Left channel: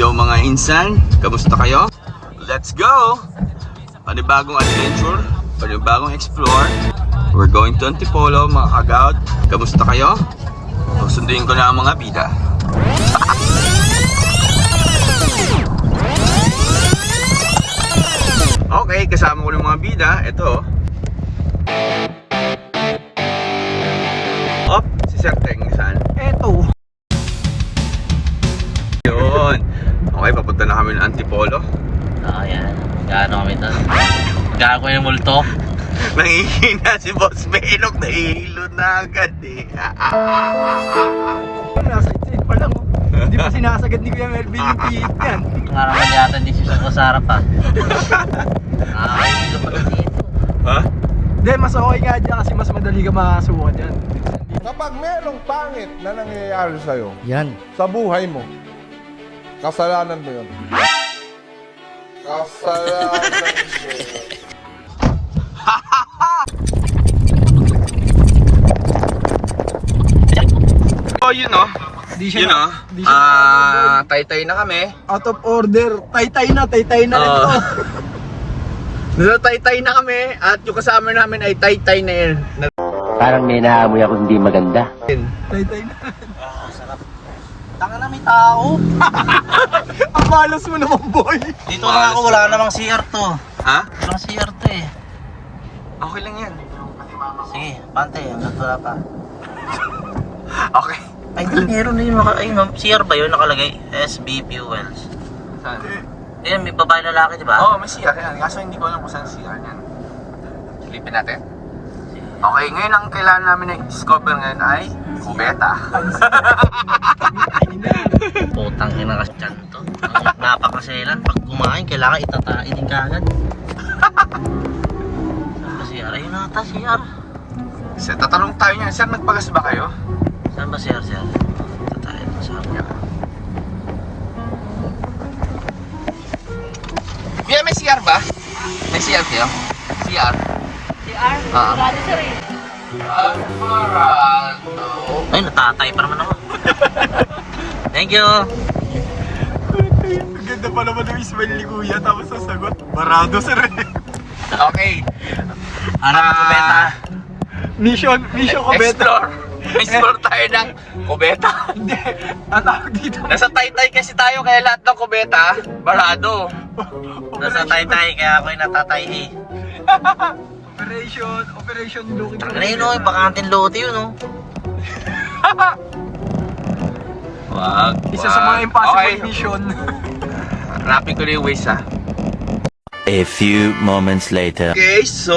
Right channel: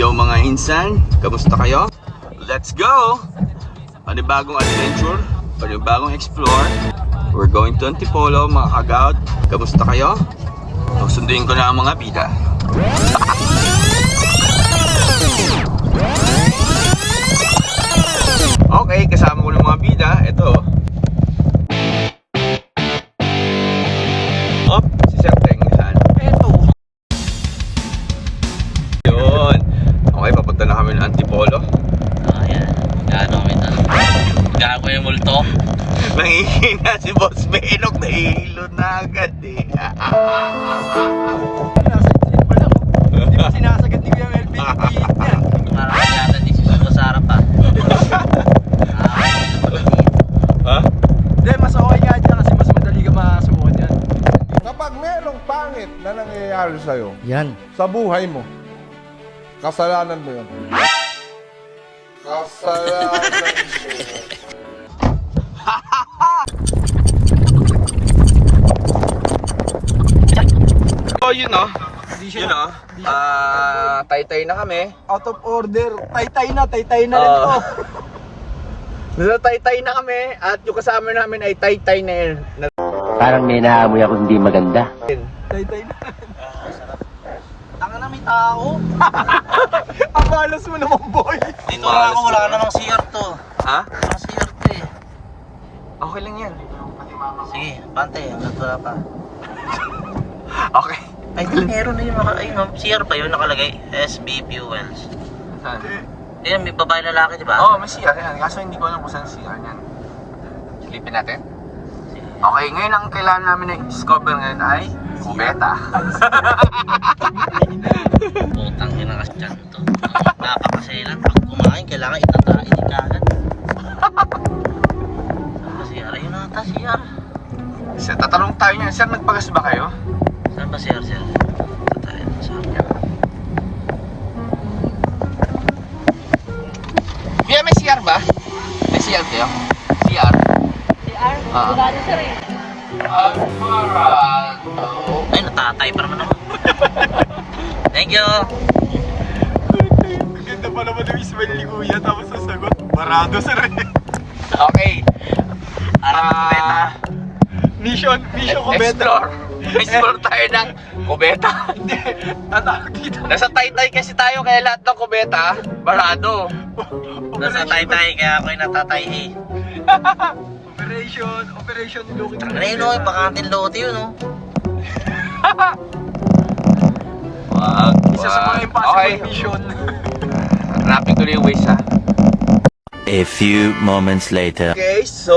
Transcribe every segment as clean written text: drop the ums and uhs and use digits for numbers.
Yo mga insan, kamusta kayo? Let's go! Panibagong adventure, panibagong explore. We're going to Antipolo mga kagaut. Kamusta kayo? Sunduin ko na ang mga bida. Okay, kasama ko ng mga bida. Ito. Op, si Sir Teng, saan? Eto. Yun. Okay, papunta na kami ng Antipolo. Ayan, gaano kami na. Gaano ko yung multo. Nangihina si Boss Benok, nahihilo na agad eh. Nasa exit pa lang. Hindi pa sinasagad ni Kuya Melvin yung pilit yan. Parang yata hindi siya sa harap pa. Ha? Hindi, mas okay nga dyan kasi mas madali ka makasubukan dyan. Kapag merong pangit na nangyayari sa'yo Yan. sa buhay mo, kasalanan mo yun. Kasalanan mo yun. Oh, yun o. Di siya Yun o. di siya Tay-tay na kami. out of order. Tay-tay na rin ito. Nasa tay-tay na kami at yung kasama namin ay tay-tay na yun. Parang may naamoy ako hindi maganda. Tay-tay na. Tanga na may tao. Ang malas mo naman, boy. Dito na ako, wala namang CR to. Ha? Walang CR to eh. Okay lang yan. Sige, pante, hanggang na pa. Okay. Ay, meron na yun. Ayun, CR ba yun nakalagay? SB Fuels. Saan? Yan, may babae lalaki, di ba? Oo, may CR yan. Kaso hindi ko alam kung saan CR yan. Silipin natin. Okay, ngayon ang kailangan namin na i-discover ngayon ay beta. Putang ina kasi dyan to. Napakaselan. Pag kumain, kailangan itatain ka agad. CR, ayun na ata, CR. Sir, tatanong tayo niyan. Sir, nagpagas ba kayo? Saan ba CR? Tatain mo sa akin. Kuya, may CR ba? May CR kayo? CR? CR? Ay, natatay pa naman ako. Thank you. Ang ganda pa naman yung smile ni Kuya tapos sasagot. Barado, sir. Okay. Mission ko beta. Explore tayo ng kubeta. Hindi. Ang tawag dito. Nasa tay-tay kasi tayo kaya lahat ng kubeta, barado. Nasa tay-tay kaya ako'y natatay eh. Operation looking. Ano yun o, bakantin lote yun o. Wag. Isa sa mga impossible Okay. mission. Rapid ko na yung waste ha. A few moments later. Okay, so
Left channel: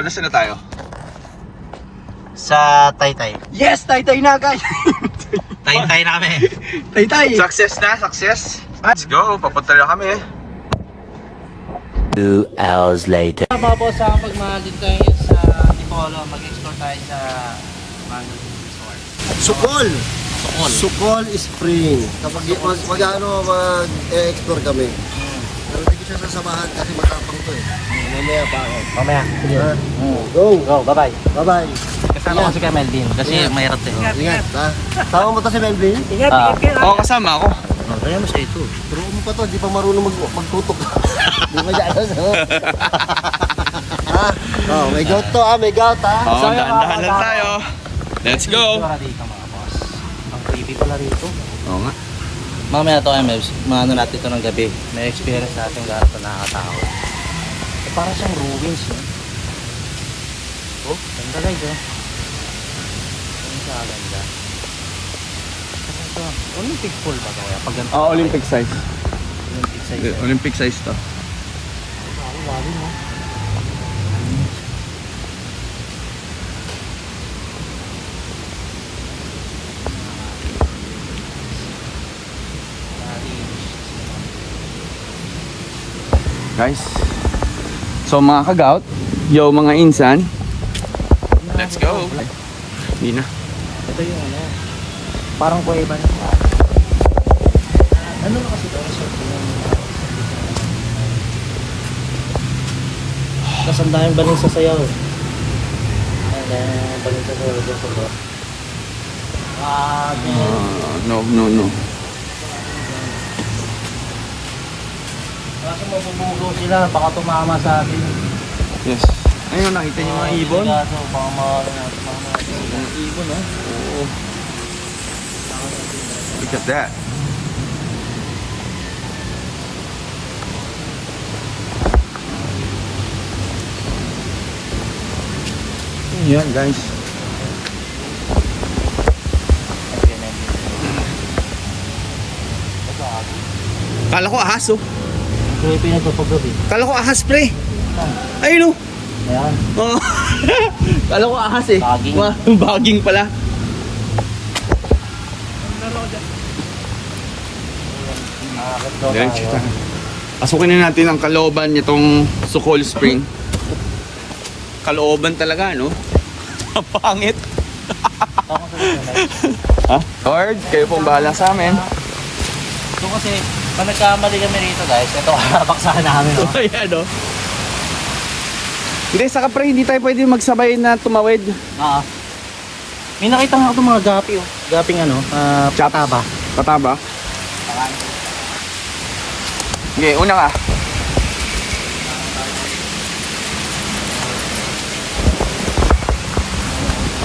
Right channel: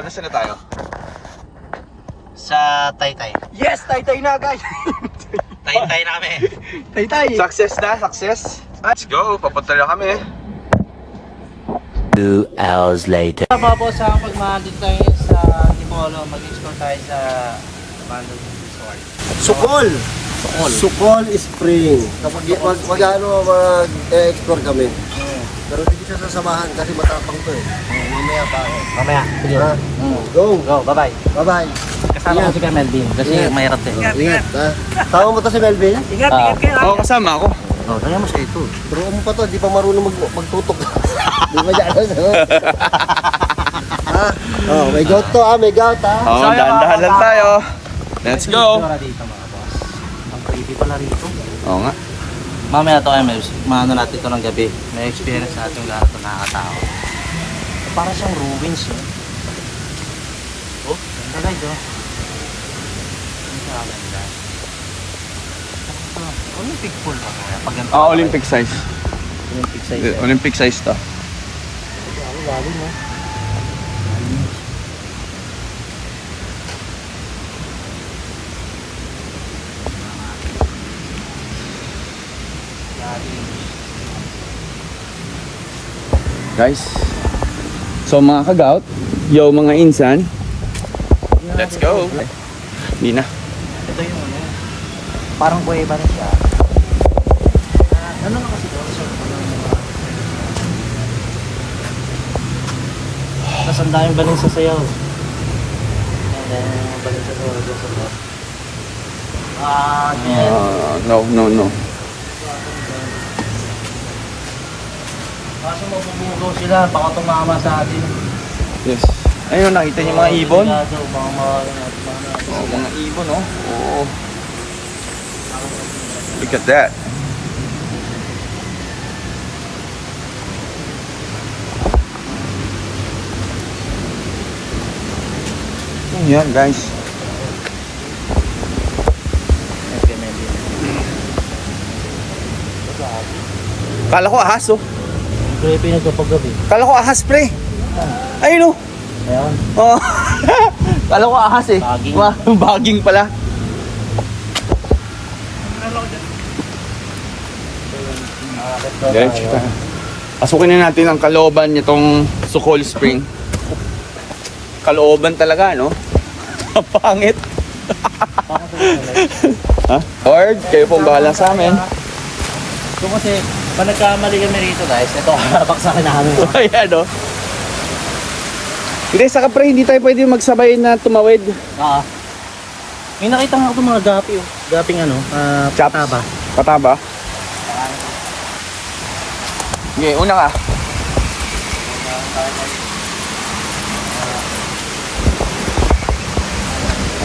nasaan na tayo? Sa tay-tay. Yes, tay-tay na guys. Tay-tay na kami. Tay-tay. Success na, success. Let's go, papunta na kami. 2 hours later. Tapos sa pagmahagin tayo sa Antipolo, mag-explore tayo sa Mandal Resort. Sukol! Sukol Spring. Kapag mag-explore kami. Pero hindi ko siya sasamahan kasi matapang to eh. Mamaya. Ha? Go! Go, bye-bye. Bye-bye! Kasama ko si Kuya Melvin kasi mahirap eh. Ingat ha? Tama mo to si Melvin? Oo, kasama ako. Oh, tayo mo sa ito. Pero mo pa to, di pa marunong magtutok. Di ba dyan? Oh, may gout to may gout ha? Oo, dahan-dahan lang tayo. Let's go. Dito mga boss. Ang creepy pala rito. Oo nga. Mamaya to MLs, mauna natin ito ng gabi. May experience natin lahat na nakakatawa. Parang siya yung wings yun. Oh, ganda na ito. Olympic pool. Olympic size. Olympic size. Olympic size to. Bali no? Guys, so mga kagaut, yo mga insan, let's go. Hindi na. Ito yung ano. Parang kuweba na siya. Ganun kasi ito. Tapos ang daming balon sa sayaw. And then, balon sa sayaw. No. Puto sila, baka tumama sa atin. Yes. Ayun, nakita niyo mga ibon? Baka Oh, mga ibon, oh. Oo. Look at that. Yan, guys. Kala ko ahas, oh. Kaya pinagpapagabi. Kala ko ahas, pre. Ayun, oh. Ayan. Oh. Kala ko ahas, eh. Baging. Baging pala. Diretso tayo. Pasukin na natin ang kalooban nitong Sukol Spring. Kalooban talaga, no? Ang pangit. Ha? Lord, kayo pong bahala sa amin. So kasi, pag nagkamali kami rito guys, ito, napaksakin namin. Ayan, no? Hindi, saka pre, hindi tayo pwede magsabay na tumawid. May nakita nga ako mga gapi, oh. Gaping ano, Chop. pataba. Pataba? Okay, una ka.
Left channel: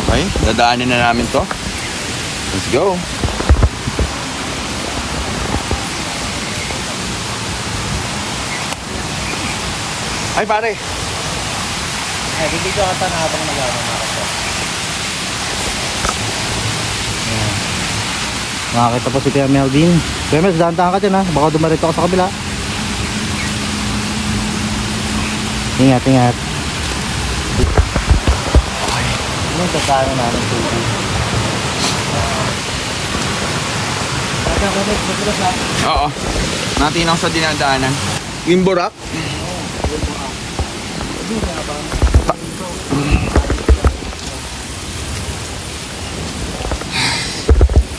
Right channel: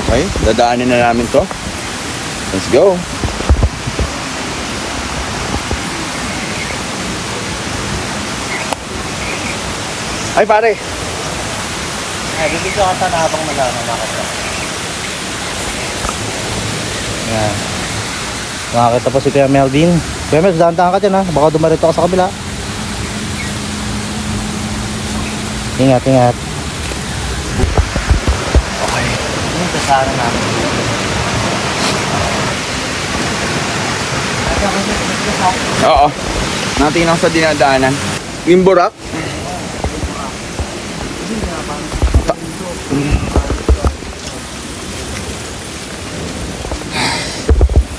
Okay, dadaanin na namin to. Let's go. Ay pare, Bibig ko ata na habang nag-makita. Yan. Makakita po si Kuya Melvin. Kuya Melvin, dahan-dahan ka dyan ha. Baka dumarito ka sa kabila. Ingat, ingat. okay. Oo, natingnan sa dinadaanan. Imburak.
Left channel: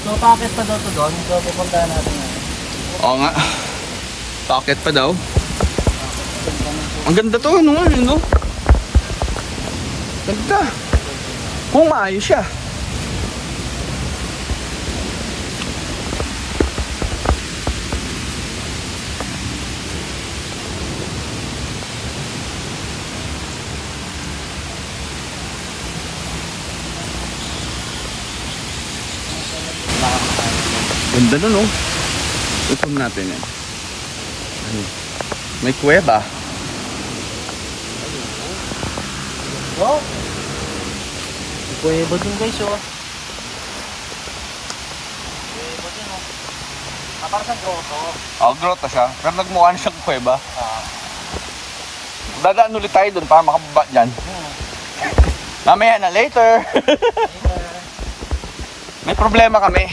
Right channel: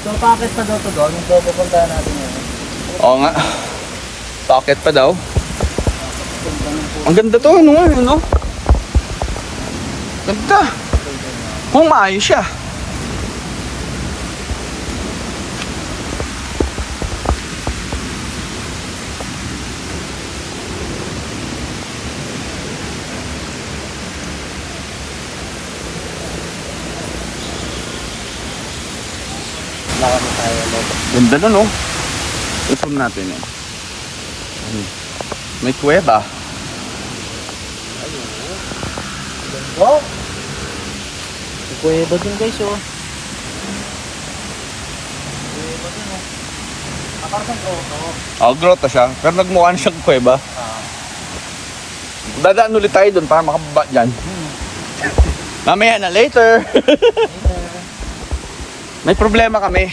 So, packet pa daw to doon. So, pupuntahan natin yun. Oo nga. Pocket pa daw. Ang ganda to, ano nga, ano? Ganda. Kung maayos siya. Nakakita tayo. Ganda na, no? Ipon natin yan. May kuweba. Oh! Kuweba din guys, oh. Grotto siya. Pero nagmukha na siyang kuweba. Dadaan ulit tayo doon para makababa dyan. Mamaya na, later. May problema kami.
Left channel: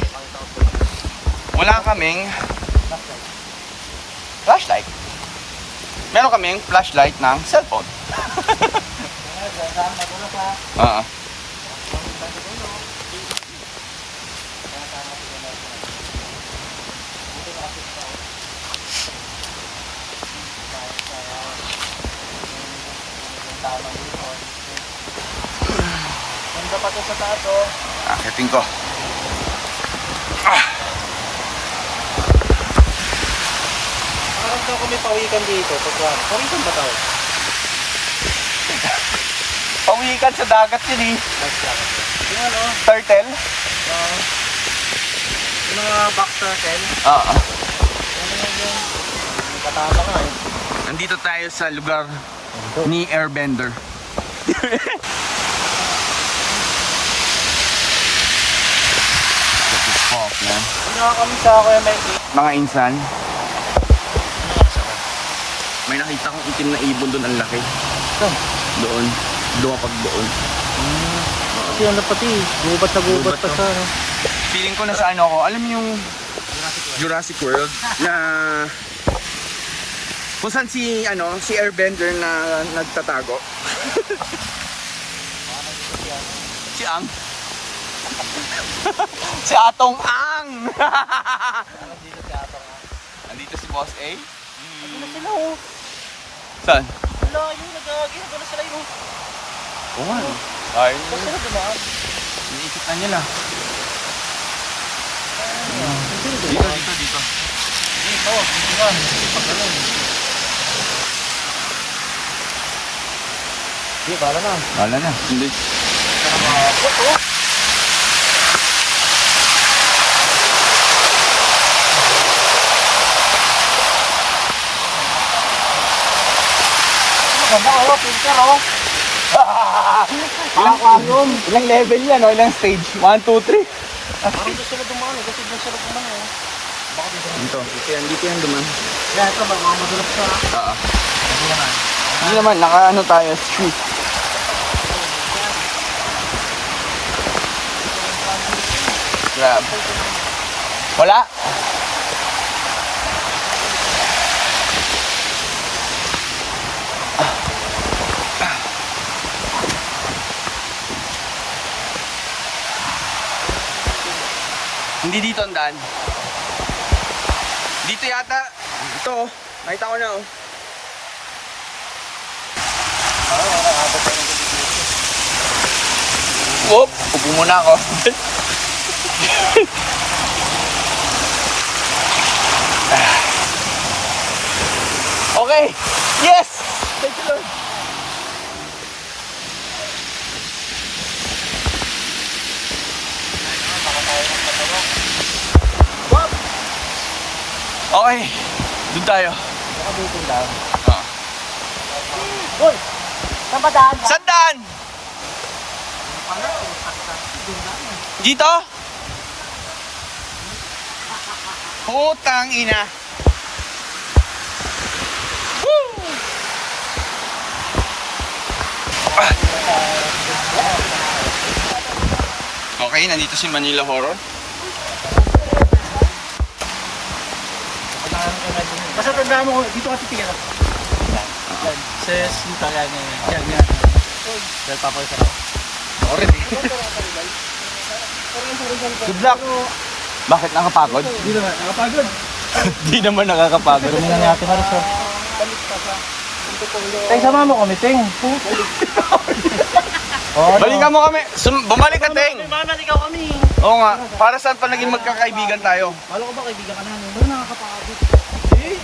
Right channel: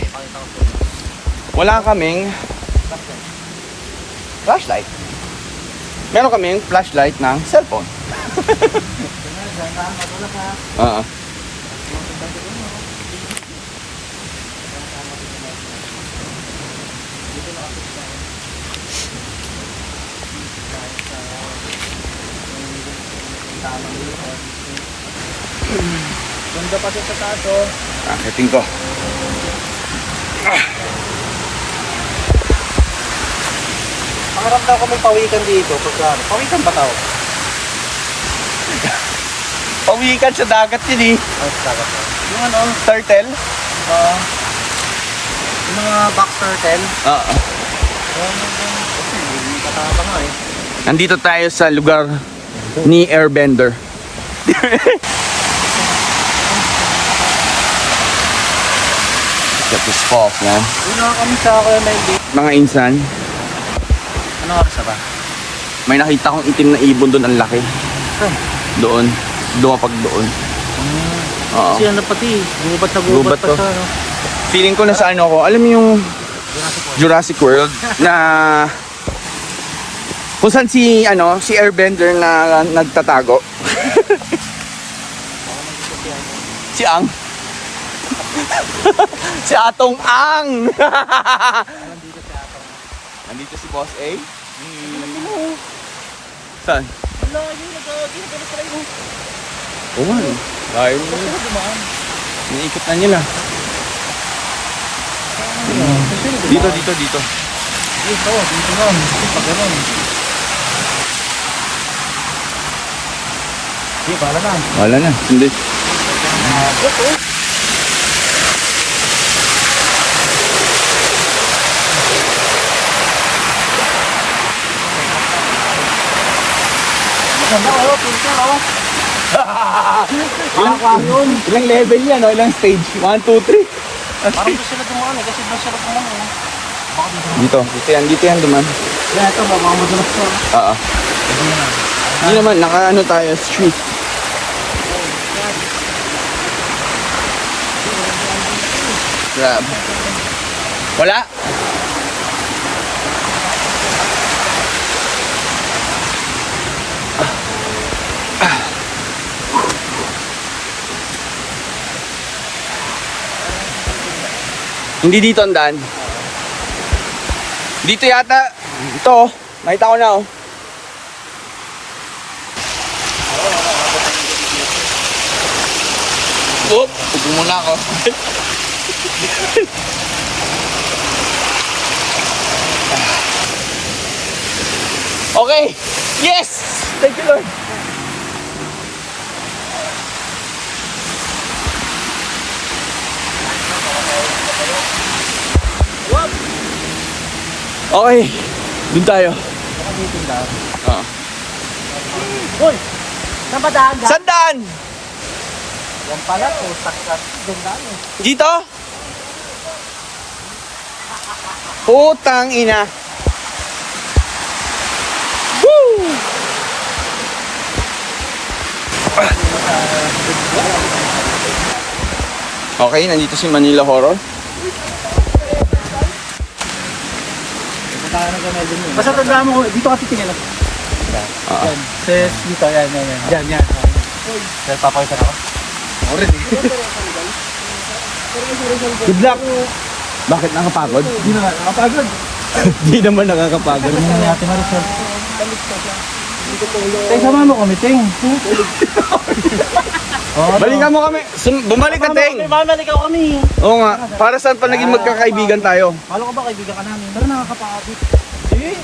Wala kaming flashlight. Meron kaming flashlight ng cellphone. Ganda pa din sa taas, oh. Akitin ko. Maramdaman ko may pawikan dito. Pawikan ba tao? Pawikan sa dagat din eh. Yung ano, Turtle? yung box turtle. Oo. Kasi, katama ka na eh. Nandito tayo sa lugar ni Airbender. Check this falls, man. Hindi na kami sa Kuya Melvin. Mga insan, Ano nga ba? may nakita akong itim na ibon doon, ang laki. Doon. Dumapag doon. Oo. Kasi ano pati, gubat sa Gubat to. Feeling ko nasa ano ako, alam mo yung Jurassic World na kung saan si Airbender na nagtatago. Si Ang. Si Atong Ang. Nandito si Boss A. Saan? Oo nga. Dahil iniikot na nila. Dito. Dito yan. Pag ganun. Wala na. Hindi. Ilang level yan, no? Ilang stage? 1, 2, 3. Dito yan duman. Yan, ito, baka madulas to, ha? Oo. Hindi naman, naka-ano tayo, street. Grab. Wala? Hindi dito ang daan. Dito yata. Ito, makita ko na oh. Whoop! Upo muna ako. Okay! Yes! Thank you, Lord. Okay, dun tayo. Uy! Saan ba daan? Sandaan! Yan pala, tutak ka. Doon daan eh. Dito? Putang ina. Woo! Okay, nandito si Manila Horror. Basta tandaan mo, dito ka titingin ako. Yan. Says dito, yan. Yan. Yan, papawisan ako. Good luck. Bakit nakapagod? Nakapagod. Hindi naman nakakapagod. Tingnan natin na result. Tay, sama mo kami, Ting. Balikan mo kami. Bumalik ka, Teng. Mamalik ako kami. Oo nga. Para saan pa naging magkakaibigan tayo? Malo ko ba kaibigan ka na? Pero nakakapagod. Hindi.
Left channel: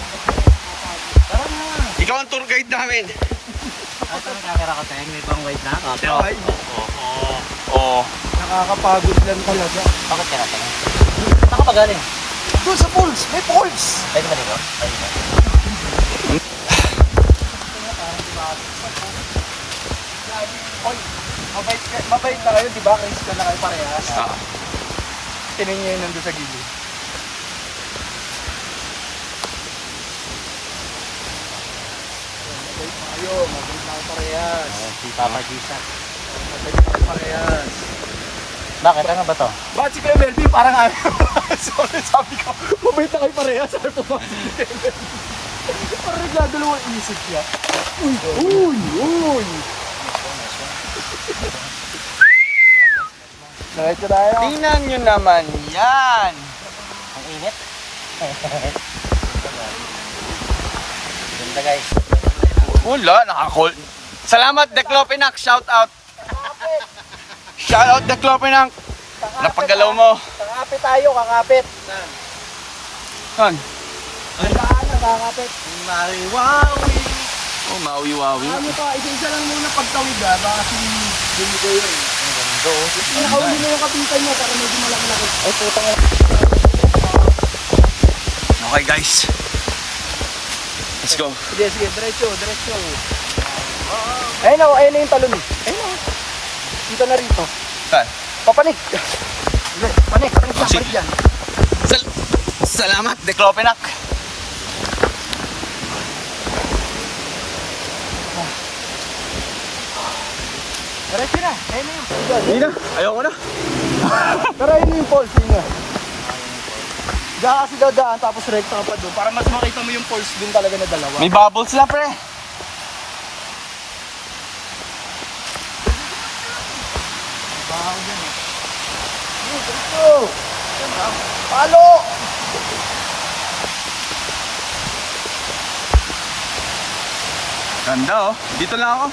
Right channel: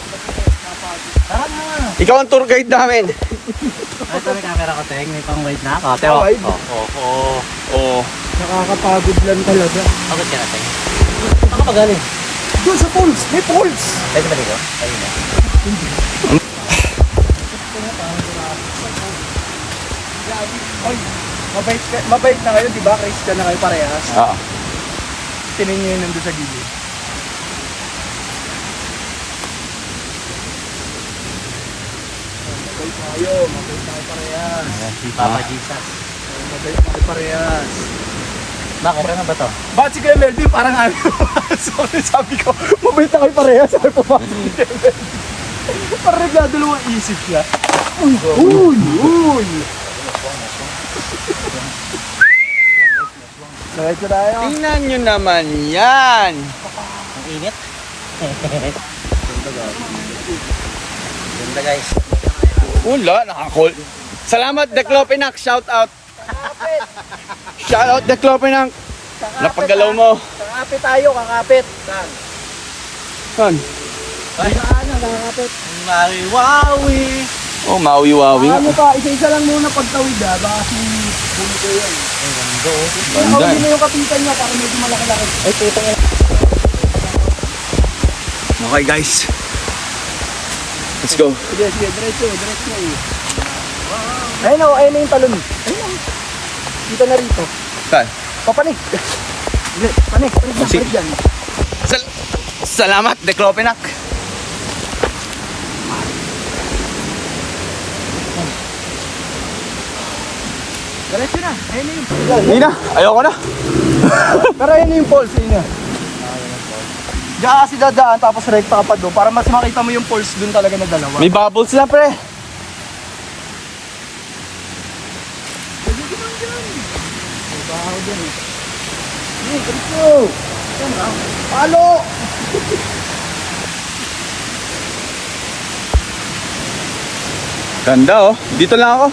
Tara na. Ikaw ang tour guide namin. Ay, ito may camera ko, Teng. May pang-wide na ako. Pero, Oo. Nakakapagod lang talaga. bakit ka na, Teng? Saan ka pa galing? Doon sa pools! May pools! Pwede ba dito? Ayun na. Mabait na kayo, di ba? Christian na kayo parehas. Oo. Tinin nyo yun nandun sa gilid. Mabait tayo. Mabait tayo parehas. Mabait tayo parehas. Bakit? Ano ba to? Bakit si Kuya Melby parang ano? Sabi ko, mabait na kayo parehas. Sabi po ba? Parang nagdadalawang isip siya. Uy! Diretso tayo. Tingnan nyo naman yan. Ang init. Ganda guys. Wala, nakakol. Salamat, Declopenac. Shout out. Shout out, Declopenac. Napagalaw mo. Kakapit tayo, kakapit. Saan? Kakapit. Wawi. Oh, mawi-wawi nga. Ano pa, isa-isa lang muna pagtawid ha. Baka si Bunito yan. Ganda eh. Hindi mo kapitan niya, kaya medyo malaki-laki. Ay, puta nga. Okay guys. Let's go. Sige, diretso. Ayun na yung talon. Ayun na. Dito na rito. Saan? Papanik. Panik. sige. Papanik yan. Salamat, Declopenac. Diretso na. Ayun na yun. Hindi na, ayoko na. Pero ayun na yung falls yun. Diyan kasi dadaan tapos right pa pa doon para mas makita mo yung falls dun talaga na dalawa. May bubbles na pre. Pwede naman dyan. May bahaw dyan eh. Hey, diretso. Siyempre, palo! Ganda oh. Dito lang ako.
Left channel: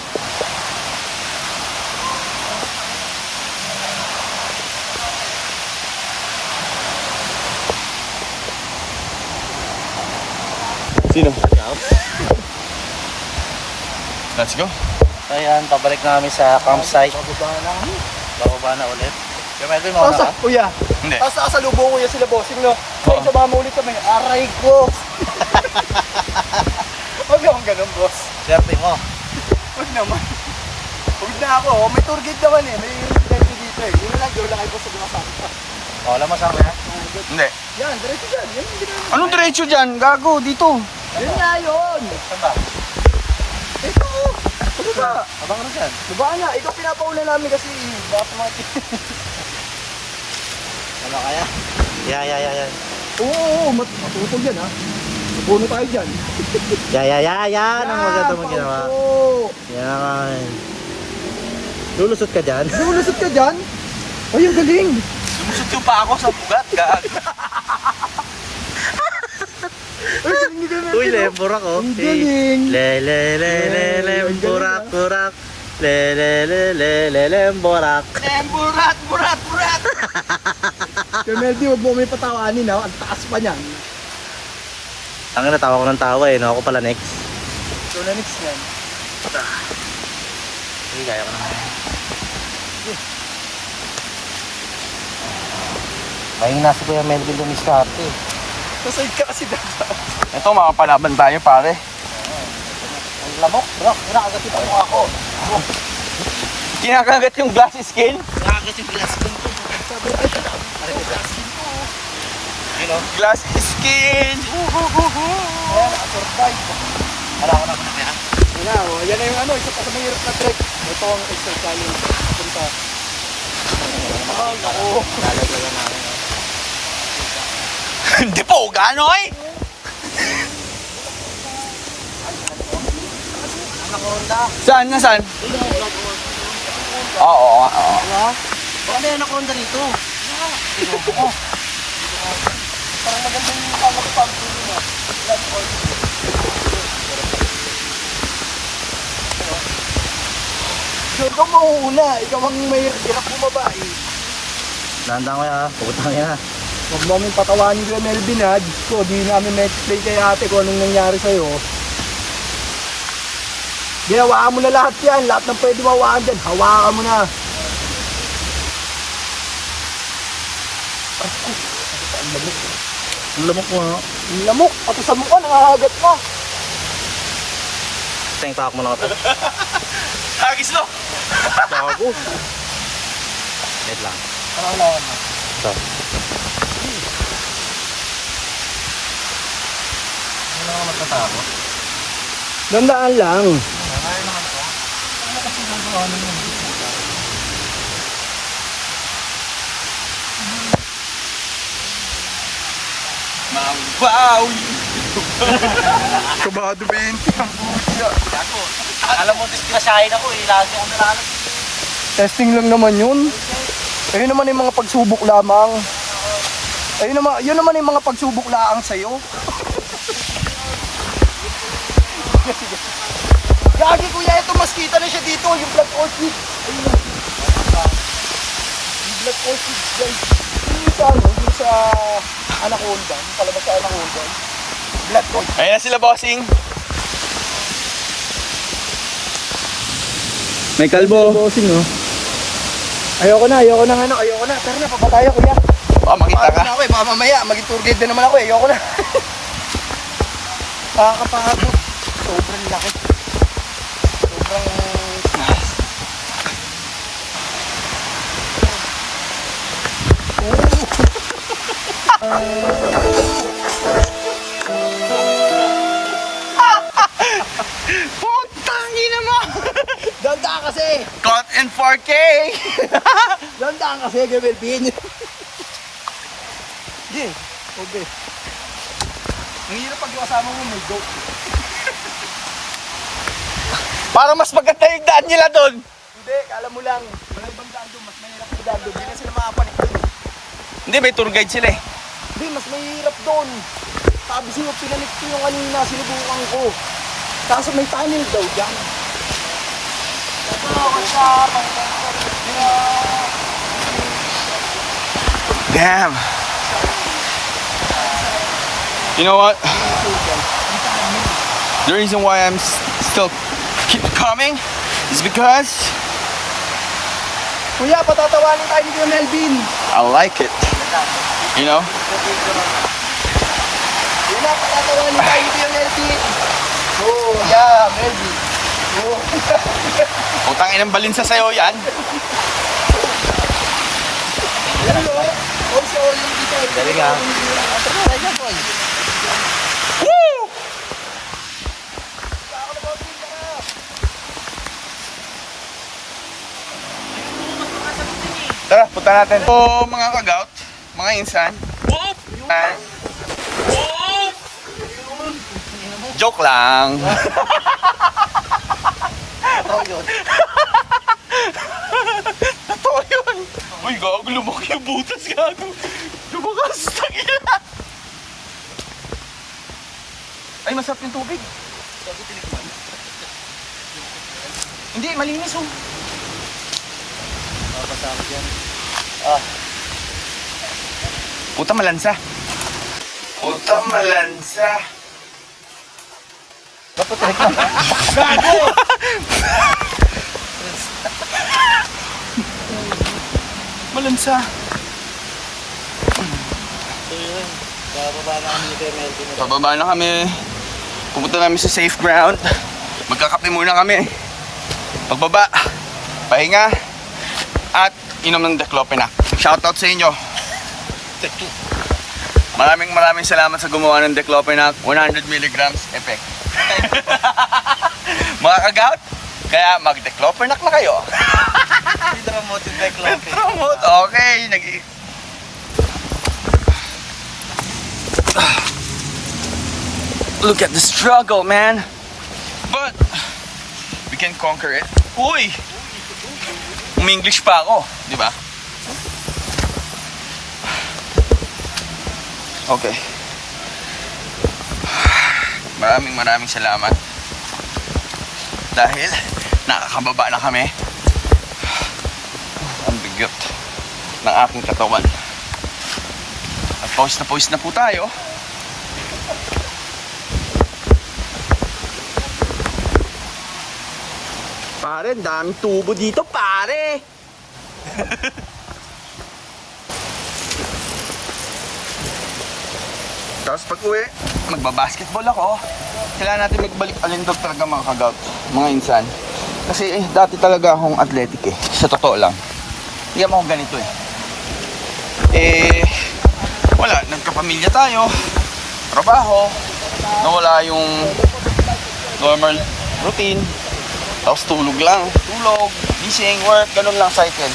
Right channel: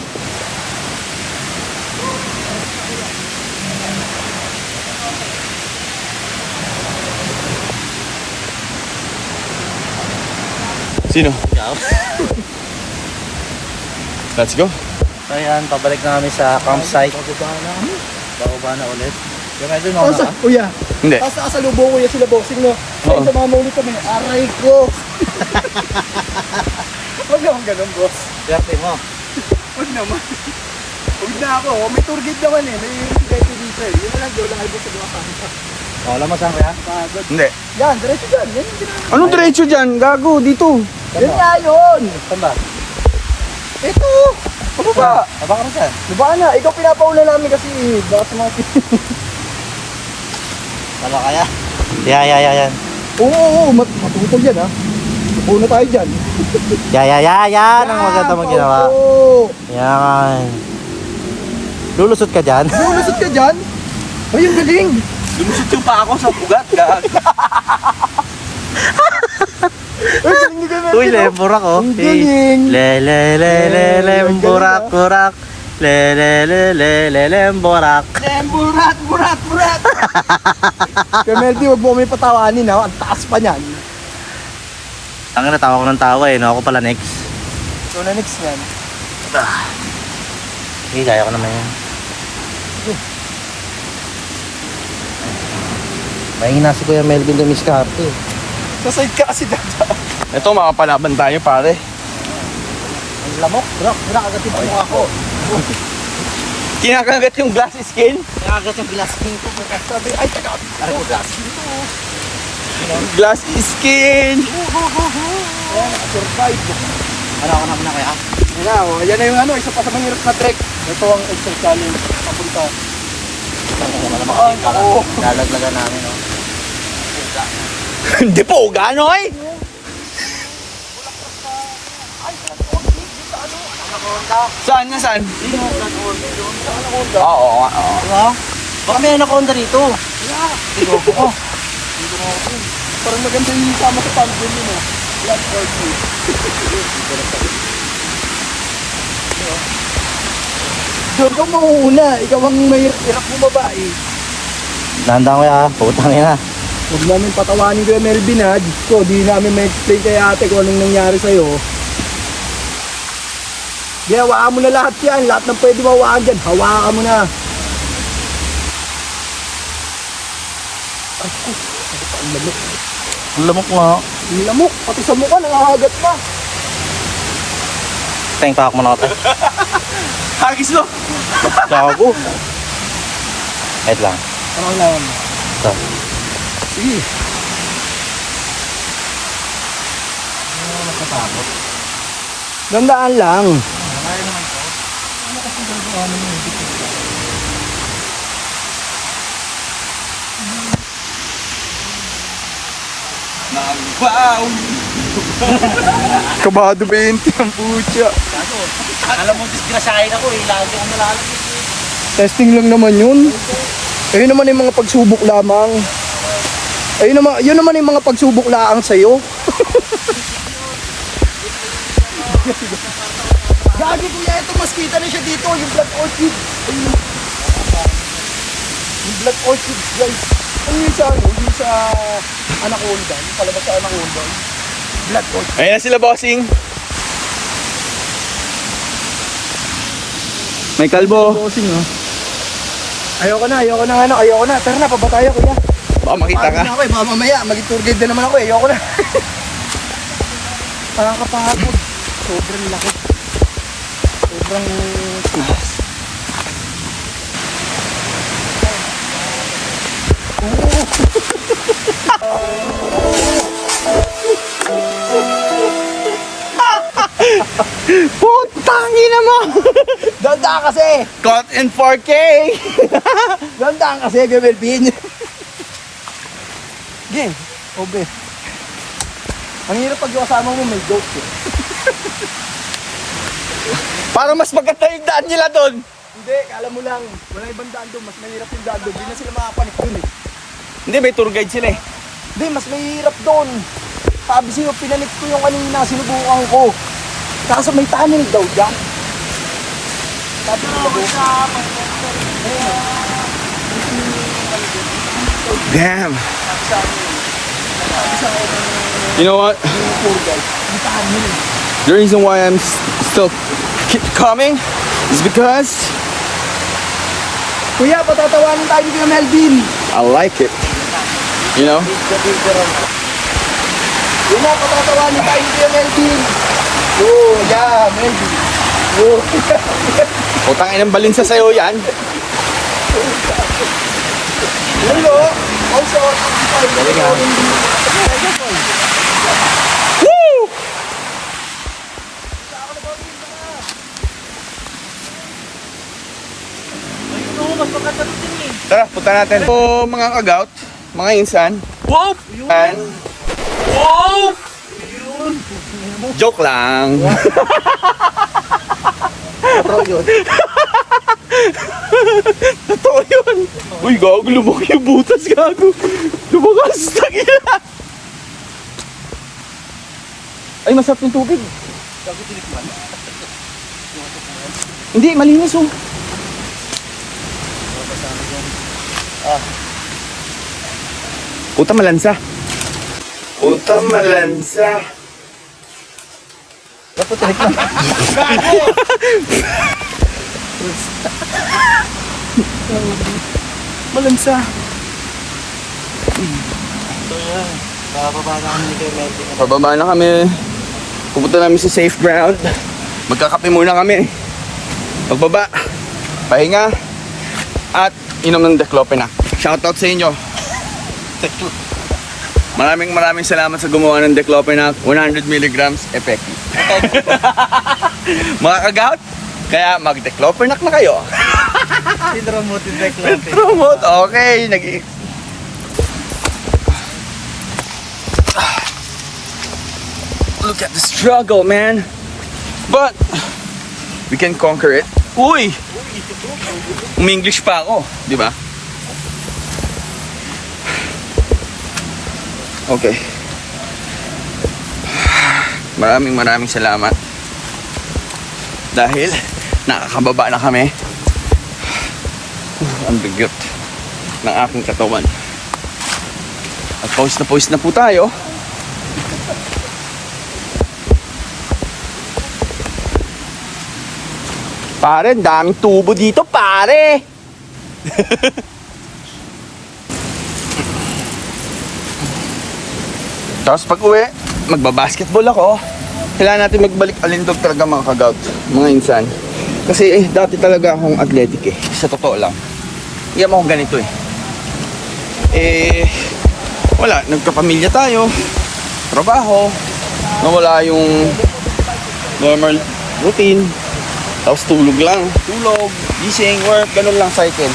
Sino? Let's go. Ayan, pabalik na kami sa campsite. Bababa na ulit. Yung medyo mga Kaso, kuya. Hindi. Tapos nakasalubong kuya sila bossing, no? Oo. Kaya sumama ulit kami. Aray ko. Huwag naman ganun, boss. Swerte mo. Huwag naman. Huwag na ako. May tour guide naman eh. May residente dito eh. Yun na lang, doon lang kayo boss sa mga sabi ka. Wala mo saan kuya? Pagod. Hindi. Yan, diretso dyan. Yan, ginagawa. Anong diretso dyan? Gago, dito. Yan nga yun. Saan ba? Ito. Ano ba? Abang ka na dyan. Diba ka na? Ikaw pinapauna namin kasi baka sa mga... Wala kaya? Yan. Oo, matutog yan ha. Puno tayo dyan. Yan ang maganda mong ginawa. Oo. Yan. Lulusot ka dyan? Lulusot ka dyan? Ay, ang galing. Lumusot yung pa ako sa pugat. Gago. Ay, galing ni Gamer. Uy, lemburak oh. Ang galing. Lemburak. Lemburak. Burat. Kaya Meldy, huwag mo kami patawanin ha. Ang taas pa niyan. Ang natawa ko ng tawa eh, no? Ako pala next. Ito na next yan. Okay, kaya ko naman yan. Mahina si Kuya Melvin dumiskarte. Masayid ka kasi dada. Ito, makapalaban tayo, pare. Ang lamok. Kinakagat yung mukha ko. Kinakagat yung glass skin. Kagat sa glass nito. Sabi, ay, glass nito. Glass skin. Oh, nakasurvive. Wala ko naman na kaya. Yeah, oh, yan na yung ano, isa pa sa mahirap na trek. Ito ang exit challenge. Ito. Lalaglagan namin. No? Hindi po, gano'y. Saan nga, saan? Oo. Diba? Baka may anaconda rito. Oh. Parang maganda yung sama sa pambun yun, oh. Blood orchid. Doon ka mauuna. Ikaw ang mahirap bumaba eh. Landang ko ya, putang ina. Huwag namin patawanin ko yung Melvin ha. Diyos ko, di namin ma-explain kay ate kung anong nangyari sa'yo. Di, hawakan mo na lahat yan. Lahat ng pwede mawakan dyan. Hawakan mo na. Ay, ang lamok. Ang lamok nga. Ang lamok. Pati sa mukha, nangahagat na. Teng, tahak mo na ako. Hagis mo. Gago. Wait lang. Ano ang lawan mo? Ito. Sige. Ano ako nagtatakot? Gandaan lang. Kaya naman to. Ano kasi gagawa naman yung dito? Magbawi. Kabado 20 ang putya. Gago. Alam mo, disgrasyahin ako eh. Lagi akong nalalagay. Testing lang naman yun. Ayun naman yung mga pagsubok lamang. Ayun naman, yun naman yung mga pagsubok laang sa'yo. Gagi kuya, ito mas kita na siya dito. Yung black orchid. Ayun naman. Yung black orchid guys. Ano yung sa ano? Yung sa anaconda. Yung kalabas sa anaconda. Black orchid. Ayun na sila, bossing. May kalbo. Bossing eh. Ayoko na nga. Ayoko na. Tara na, paba tayo kuya. Baka makita ka. Pagod na ako eh. Baka mamaya, mag-tour guide na naman ako eh. Ayoko na. Pakakapangapod. Sobrang laki. Sobrang taas. Putangi naman. Gandaan kasi! Caught in 4K. Gandaan kasi, Gamelpin. Game. Obe. Ang hirap pag yung kasama mo may goat eh. Para mas maganda yung daan nila doon. Hindi, kala mo lang. Wala ibang daan doon. Mas mahirap yung daan doon. Hindi na sila makapanik doon eh. Hindi, may tour guide sila eh. Hindi, mas mahirap doon. Sabi siya, pinanik ko yung kanina sinubukan ko. Kaso may tunnel daw dyan. Sabi ko mag-usama. Damn. You know what? The reason why I'm still keep coming It's because Kuya, patatawanin tayo ni Kuya Melvin. I like it. You know? Kuya, patatawanin tayo ni Kuya Melvin. Oh, yeah, Melvin. Oh, Utang inang balinsa sa'yo yan. hello. Also, Woo! Tara, punta natin. So, mga kagout, mga insan. wow! And... Joke lang. Totoo yun. Totoo yun. Uy, gago, lumaki yung butas, gago. Lumakas, tagina. Ay, masarap yung tubig. Hindi, malinis oh. Puta malansa. Puta malansa. Gago! Malansa. Pababa na kami. Pupunta namin sa safe ground. Magkakape muna kami. Pagbaba, pahinga, at inom ng Diclofenac. Shoutout sa inyo. Maraming salamat sa gumawa ng Diclofenac. 100 mg effective. Mga kagout, kaya mag-Diclofenac na kayo. Promote, okay. Look at the struggle, man. But we can conquer it. Uy! Umi-English pa ako, di ba? Okay. Maraming salamat. Dahil nakakababa na kami. Ang bigat ng aking katawan. At pawis na po tayo. Pare, daming tubo dito, pare. Tapos pag uwi, magbabasketball ako. Kailangan natin magbalik alindog talaga mga kagout, mga insan. Kasi dati talaga akong athletic eh. Sa totoo lang. Hindi ako ganito eh. Wala, nagkapamilya tayo. Trabaho. Nawala yung normal routine. Tapos tulog lang. Tulog, gising, work, ganun lang cycle.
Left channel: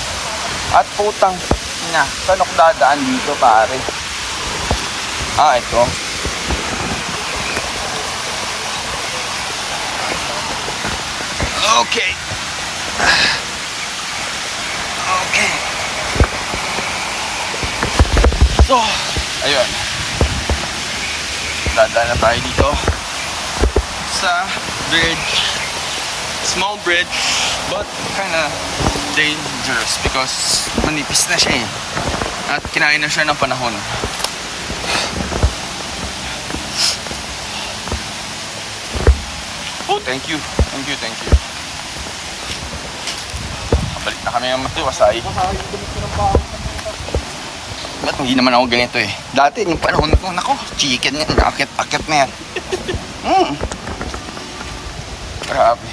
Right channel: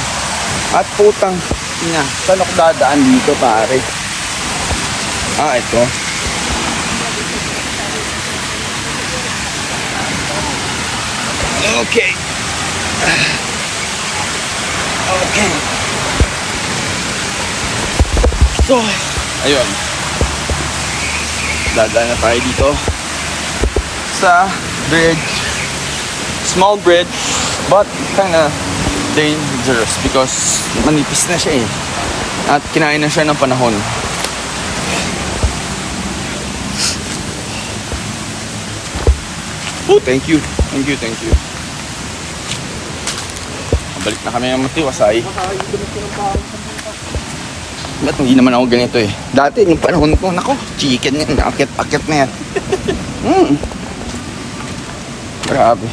At putang ina, saan ako dadaan dito pare? Ito. Okay. Okay. So, ayun. Dadaan na tayo dito sa bridge. Small bridge, but kinda dangerous because manipis na siya eh. At kinain na siya ng panahon. Oh, thank you. Balik na kami ng Matiwasay. Ba't hindi naman ako ganito eh? Dati, nung panahon ko, nako, chicken yan, akit na yan. Grabe.